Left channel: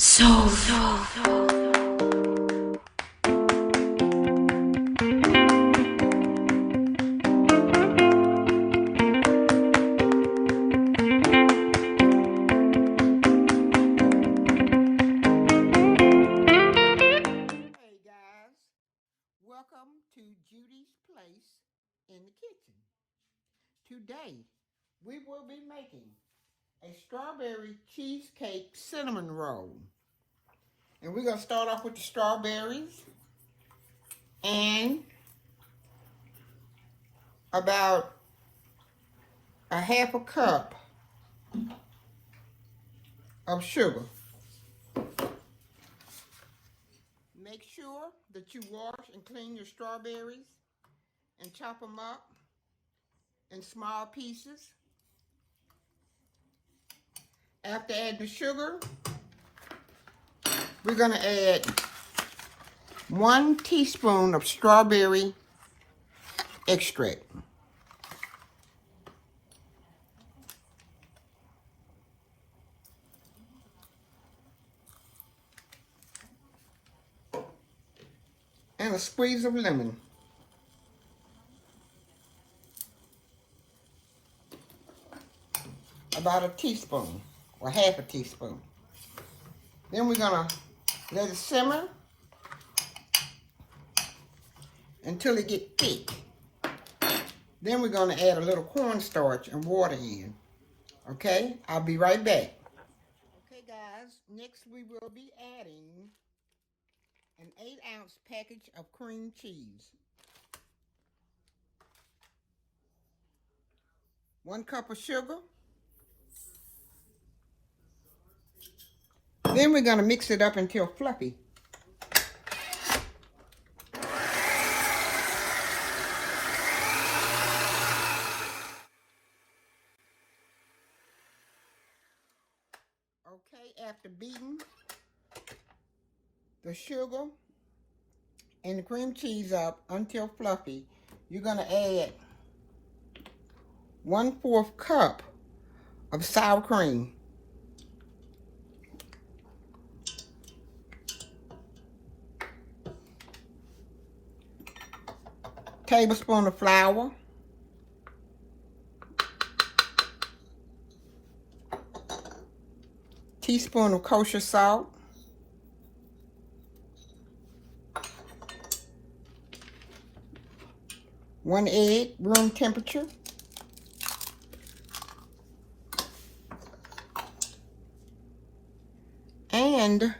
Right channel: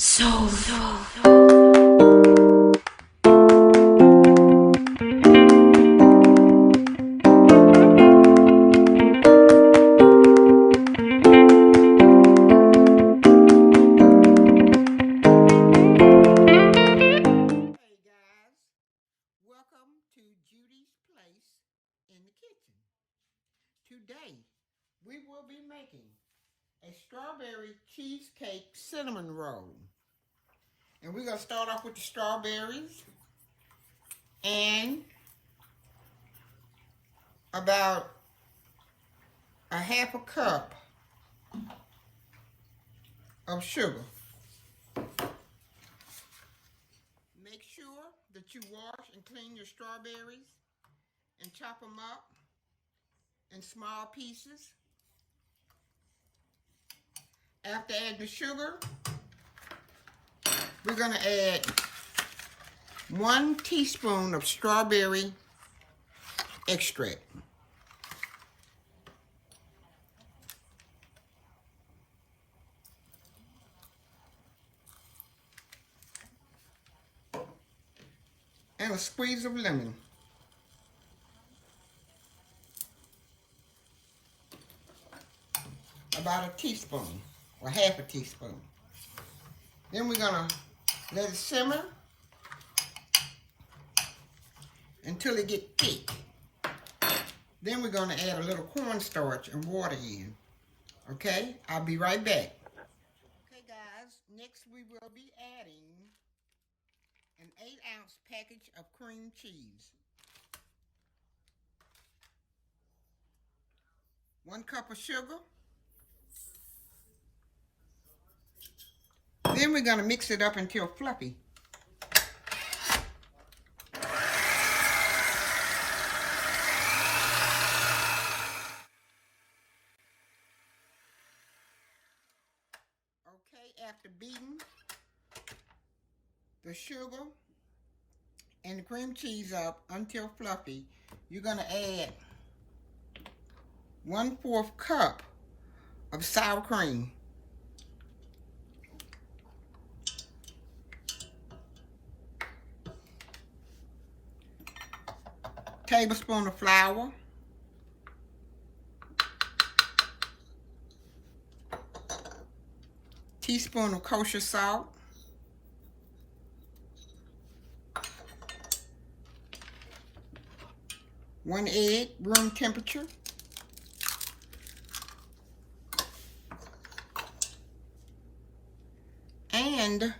So. Welcome to Judy's Place in the Kitchen. Today, we will be making a strawberry cheesecake cinnamon roll. And we're going to start off with the strawberries and about a half a cup of sugar. Make sure that you wash and clean your strawberries and chop them up in small pieces. After adding the sugar, we're going to add 1 teaspoon of strawberry extract. And a squeeze of lemon. About a teaspoon or half a teaspoon. Then we're going to let it simmer until it gets thick. Then we're going to add a little cornstarch and water in. Okay, I'll be right back. Okay guys, next we will be adding an 8-ounce package of cream cheese. 1 cup of sugar. Then we're going to mix it up until fluffy. Okay, after beating the sugar and the cream cheese up until fluffy, you're going to add 1/4 cup of sour cream. Tablespoon of flour. Teaspoon of kosher salt. One egg, room temperature. And I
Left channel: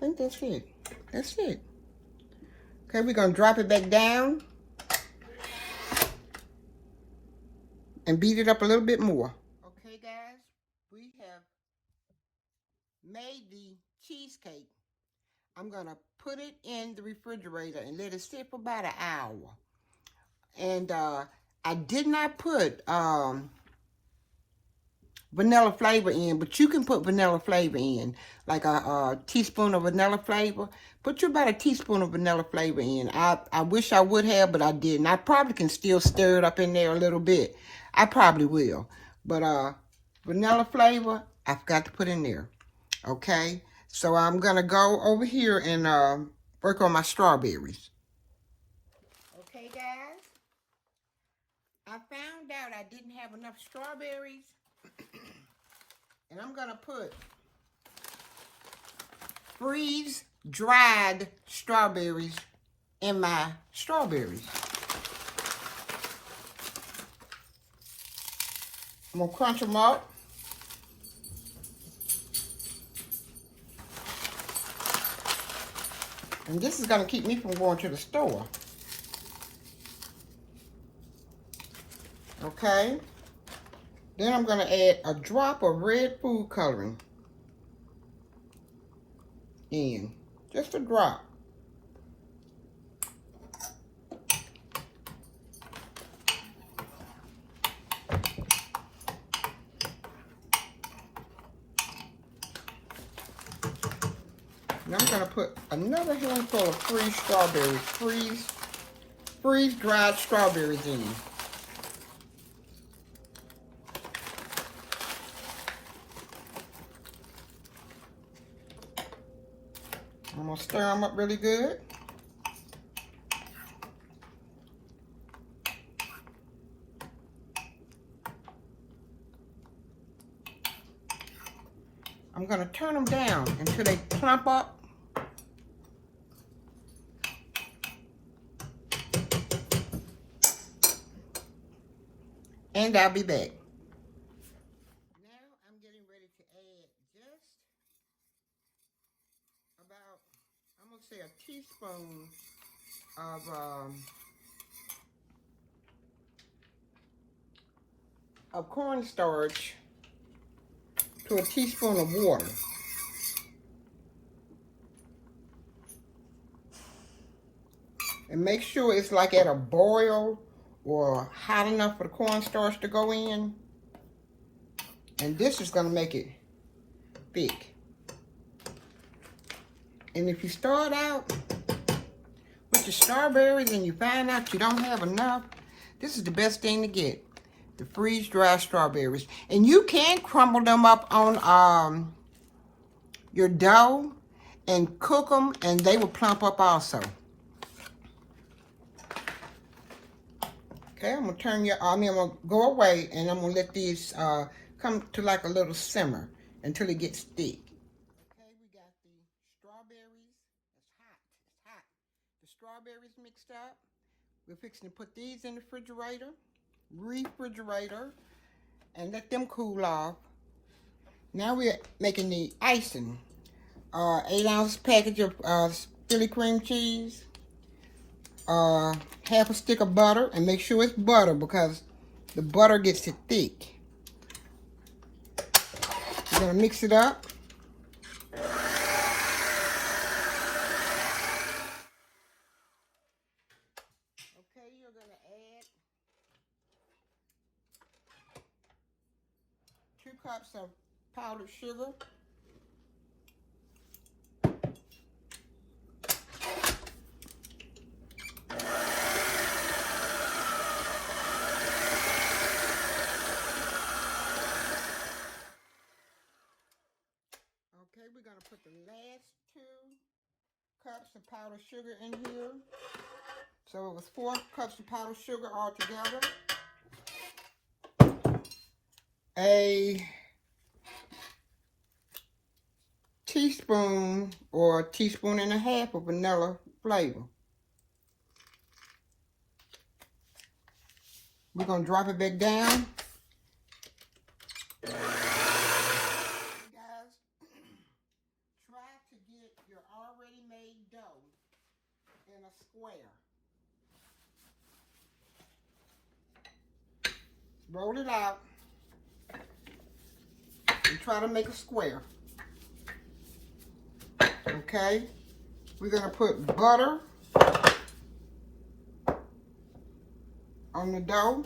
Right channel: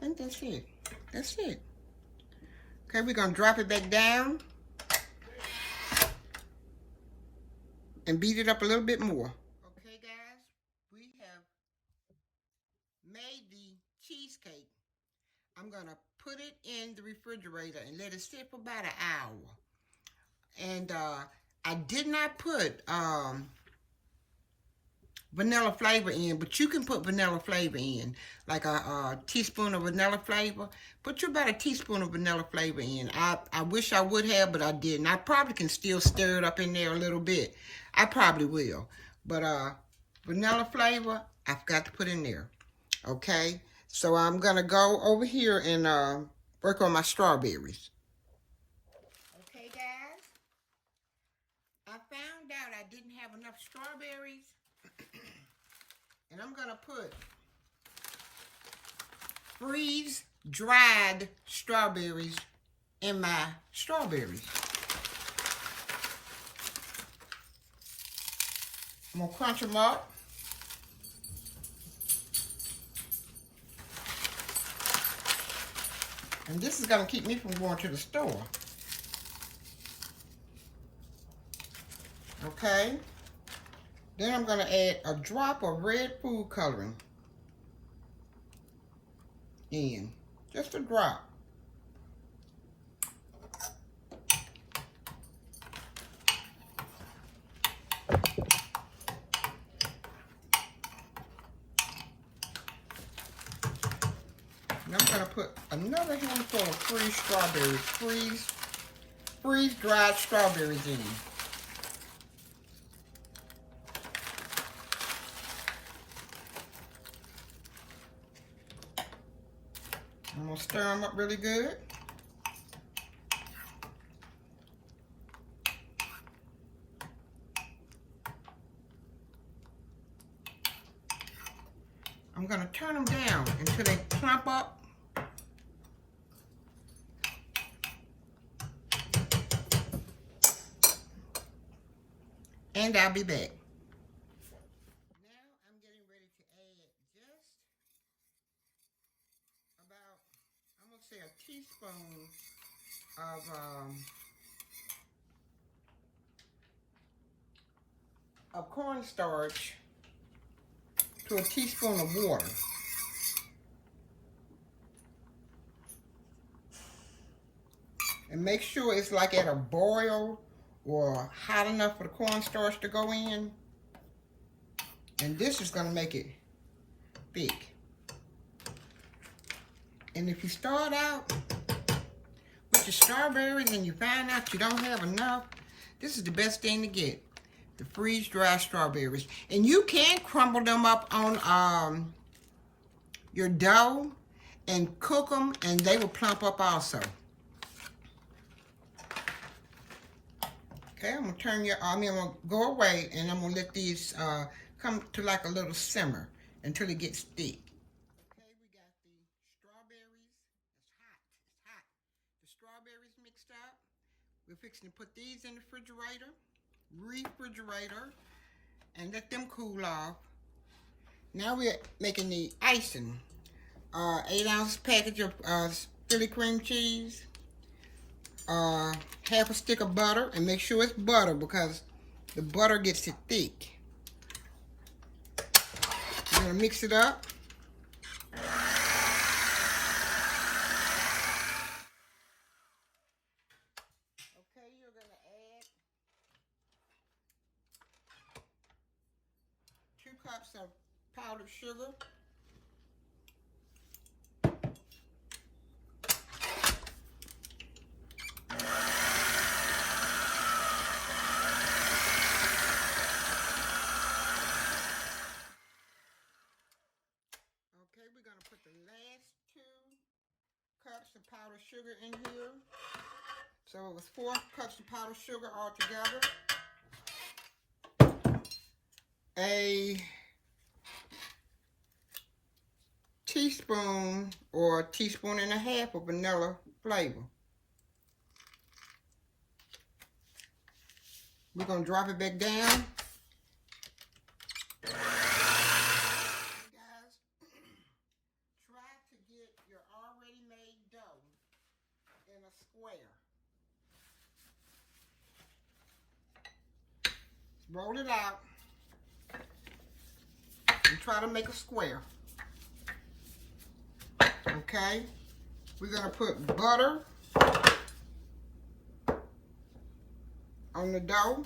think that's it. That's it. Okay, we're going to drop it back down and beat it up a little bit more. Okay, guys, we have made the cheesecake. I'm going to put it in the refrigerator and let it sit for about an hour. And I did not put vanilla flavor in, but you can put vanilla flavor in, like a teaspoon of vanilla flavor. Put you about a teaspoon of vanilla flavor in. I wish I would have, but I didn't. I probably can still stir it up in there a little bit. I probably will. But vanilla flavor, I forgot to put in there. Okay? So I'm going to go over here and work on my strawberries. Okay, guys? I found out I didn't have enough strawberries. And I'm going to put freeze-dried strawberries in my strawberries. I'm going to crunch them up. And this is going to keep me from going to the store. Okay? Then I'm going to add a drop of red food coloring in. Just a drop. And I'm going to put another handful of freeze strawberries, freeze-dried strawberries in. I'm gonna stir them up really good. I'm gonna turn them down until they plump up. And I'll be back. Now I'm getting ready to add just about, I'm gonna say a teaspoon of cornstarch to a teaspoon of water. And make sure it's like at a boil or hot enough for the cornstarch to go in. And this is gonna make it thick. And if you start out with your strawberries and you find out you don't have enough, this is the best thing to get. The freeze-dried strawberries. And you can crumble them up on your dough and cook them, and they will plump up also. Okay, I'm gonna I'm gonna go away, and I'm gonna let these come to like a little simmer until it gets thick. Okay, we got the strawberries. It's hot. It's hot. The strawberries mixed up. We're fixing to put these in the refrigerator, and let them cool off. Now we're making the icing. 8-ounce package of Philly cream cheese. Half a stick of butter, and make sure it's butter because the butter gets it thick. We're gonna mix it up. Okay, you're gonna add 2 cups of powdered sugar. We're going to put the last 2 cups of powdered sugar in here. So it was 4 cups of powdered sugar altogether. A teaspoon or a teaspoon and a half of vanilla flavor. We're going to drop it back down. Your already made dough in a square. Roll it out and try to make a square. Okay, we're gonna put butter on the dough.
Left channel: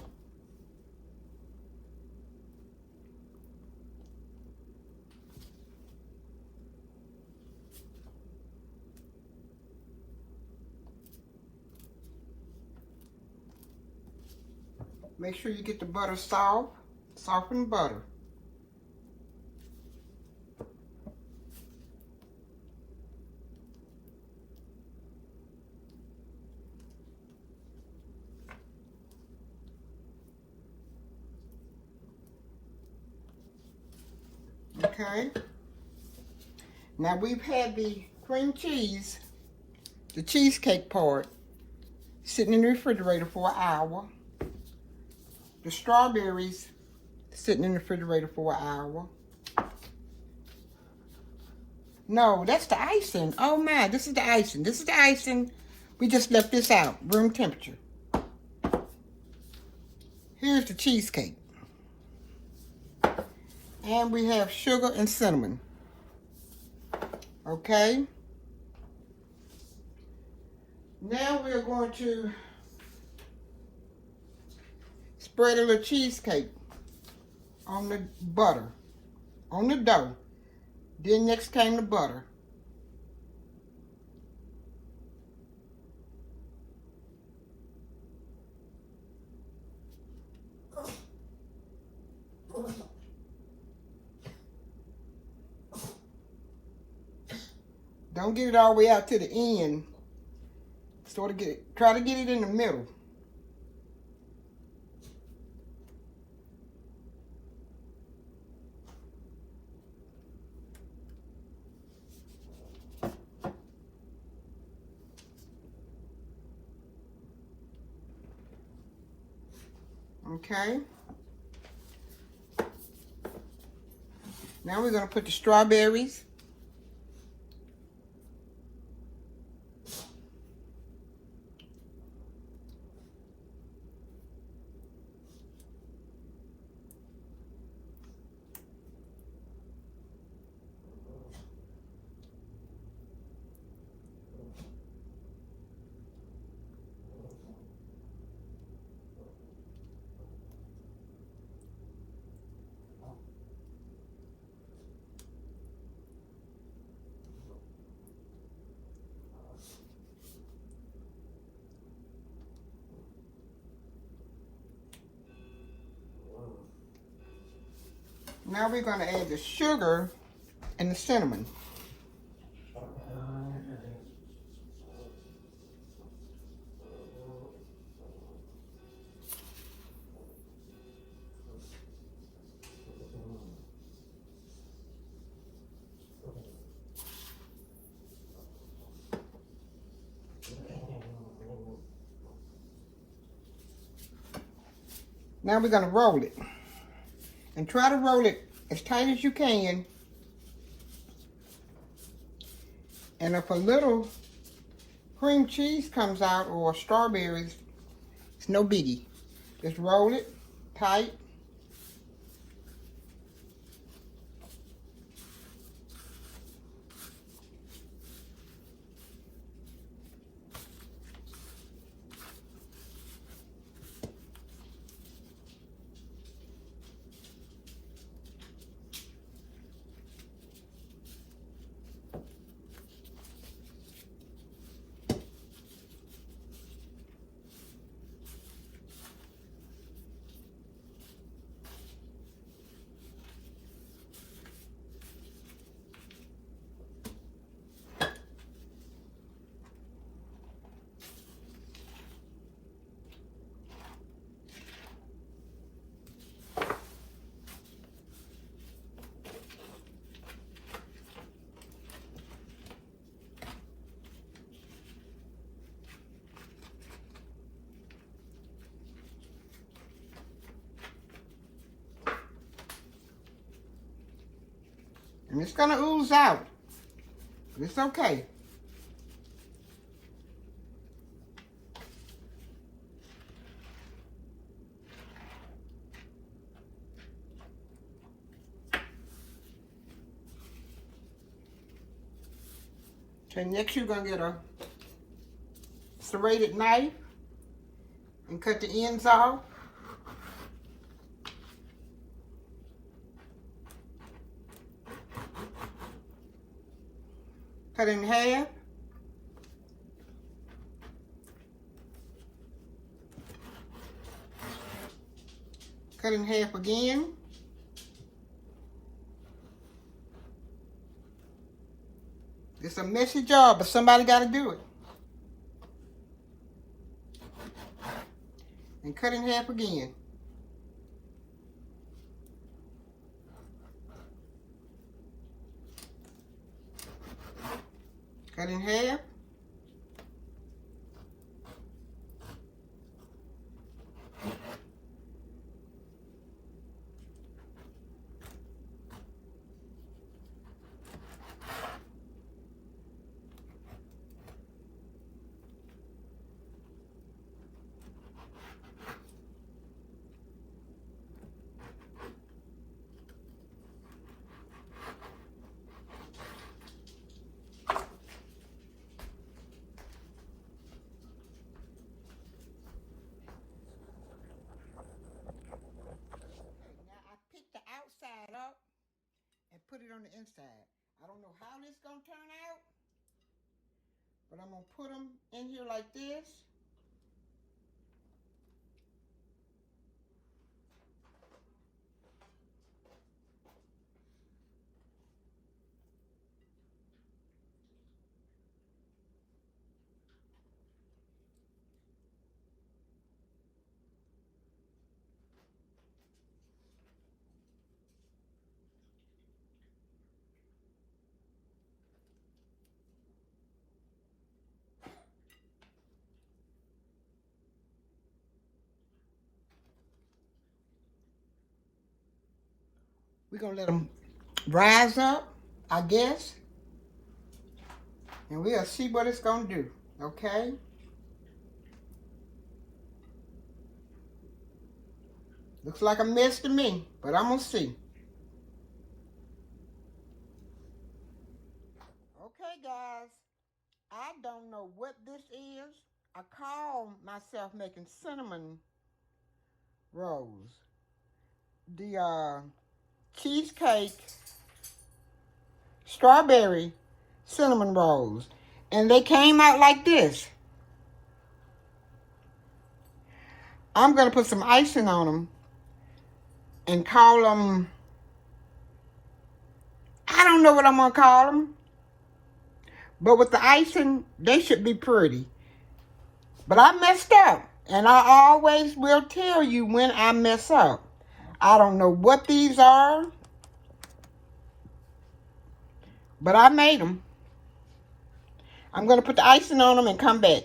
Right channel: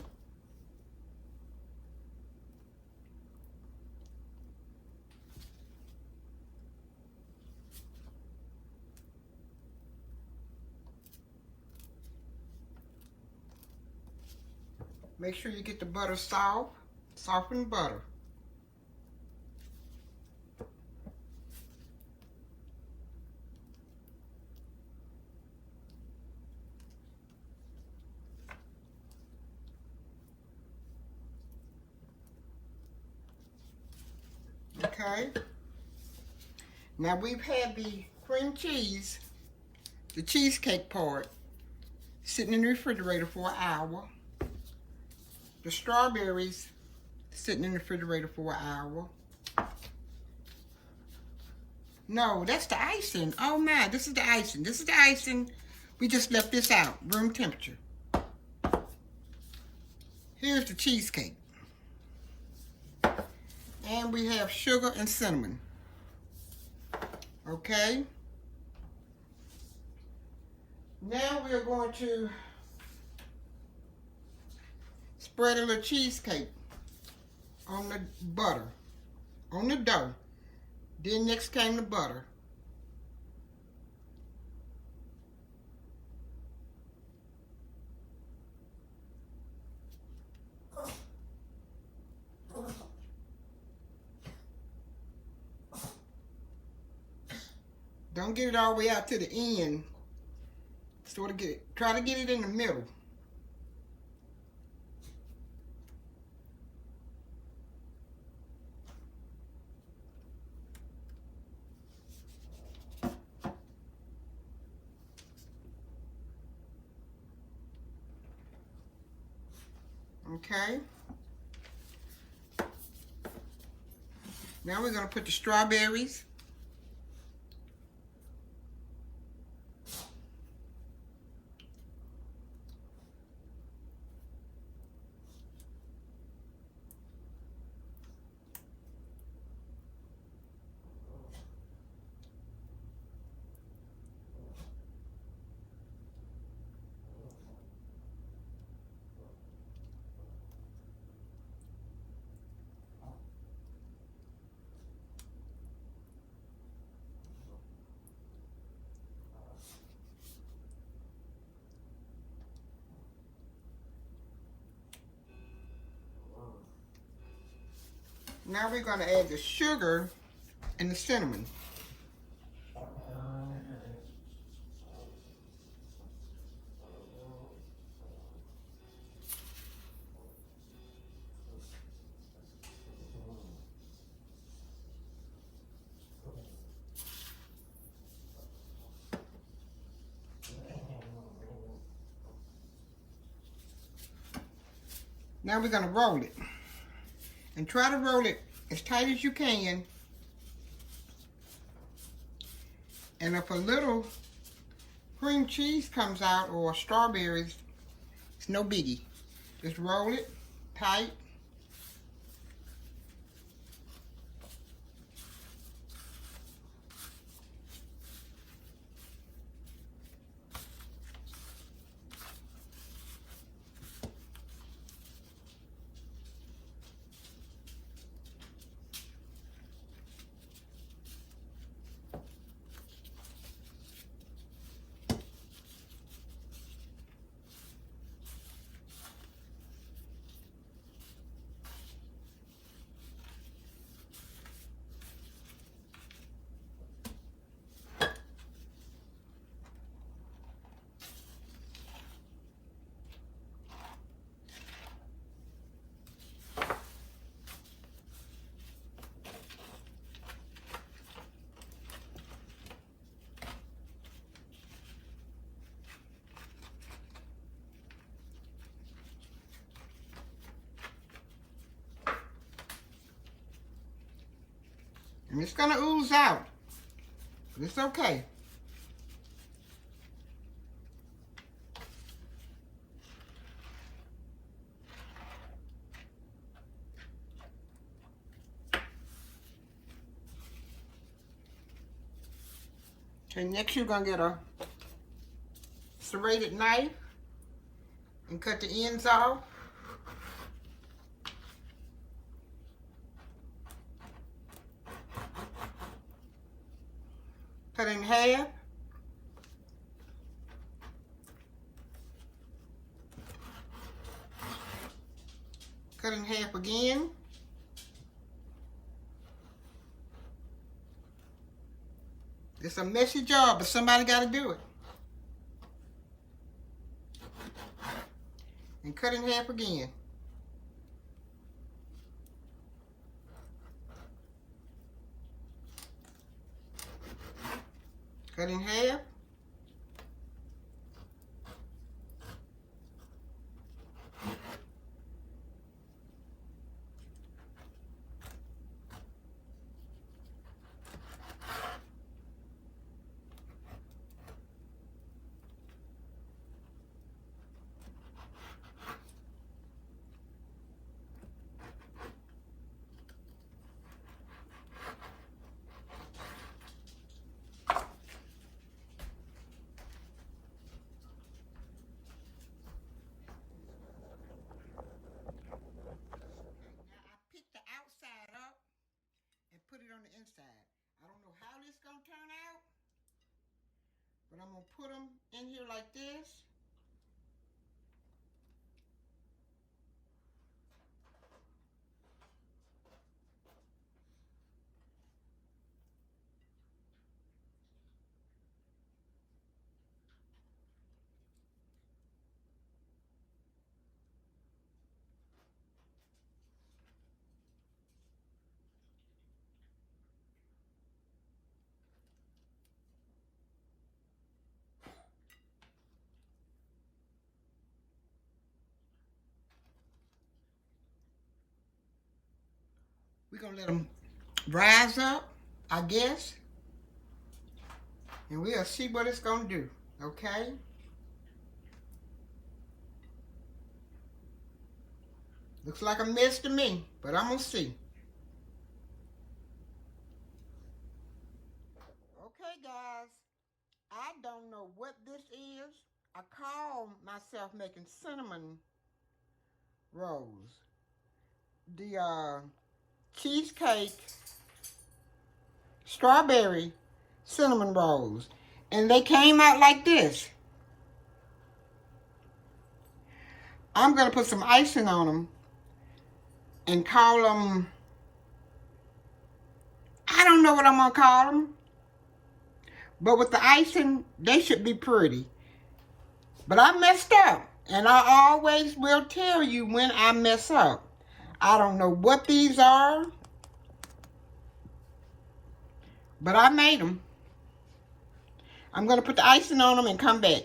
Make sure you get the butter soft, softened butter. Okay. Now we've had the cream cheese, the cheesecake part, sitting in the refrigerator for an hour. The strawberries sitting in the refrigerator for an hour. No, that's the icing. Oh my, this is the icing. This is the icing. We just left this out, room temperature. Here's the cheesecake. And we have sugar and cinnamon. Okay. Now we are going to spread a little cheesecake on the butter, on the dough. Then next came the butter. Don't get it all the way out to the end. Try to get it in the middle. Okay. Now we're going to put the strawberries. Now we're going to add the sugar and the cinnamon. Now we're going to roll it. And try to roll it as tight as you can. And if a little cream cheese comes out or strawberries, it's no biggie. Just roll it tight. And it's going to ooze out. But it's okay. Okay, next you're going to get a serrated knife and cut the ends off. Cut it in half. Cut it in half again. It's a messy job, but somebody got to do it. And cut in half again. Cut in half. Up and put it on the inside. I don't know how this is going to turn out, but I'm going to put them in here like this. We're going to let them rise up, I guess. And we'll see what it's going to do, okay? Looks like a mess to me, but I'm going to see. Okay, guys. I don't know what this is. I call myself making cinnamon rolls. The cheesecake strawberry cinnamon rolls. And they came out like this. I'm going to put some icing on them and call them, I don't know what I'm going to call them. But with the icing, they should be pretty. But I messed up. And I always will tell you when I mess up. I don't know what these are. But I made them. I'm going to put the icing on them and come back.